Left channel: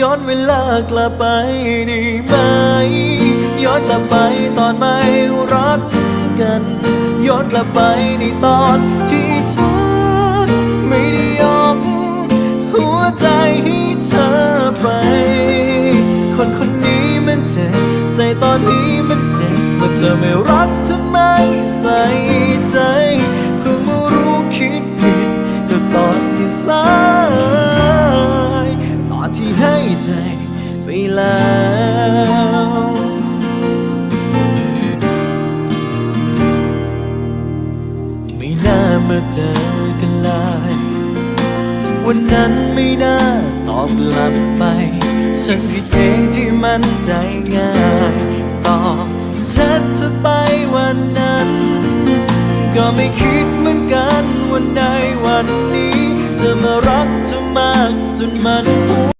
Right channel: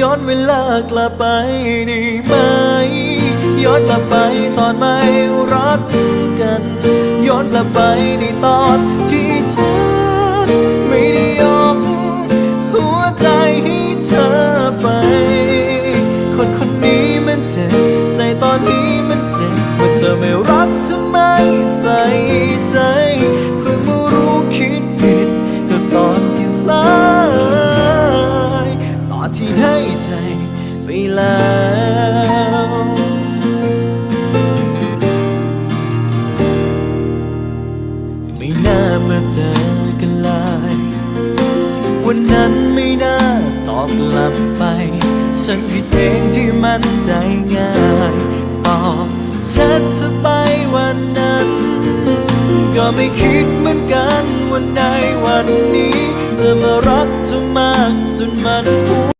ย้อนเวลากลับไปได้ไหม ย้อนกลับไปตอนไม่รักกัน ย้อนกลับไปในตอนที่ฉันไม่ได้ยกหัวใจให้เธอไป คนคนนี้มันเจ็บใจตอนนี้มันเจ็บเมื่อเธอไม่รักจะไมใส่ใจ เพิ่งมารู้คิดผิดก็ตอนที่สาย ที่ให้ใจไปแล้วไม่น่ามาเจอกันเลยวันนั้นไม่น่าตอบกลับไป ฉันผิดเองที่มันใจง่ายตอบแชทเธอไปวันนั้น ก็ไม่คิดเหมือนกันวันในวันนี้จะมารักเธอมากจนมันหัว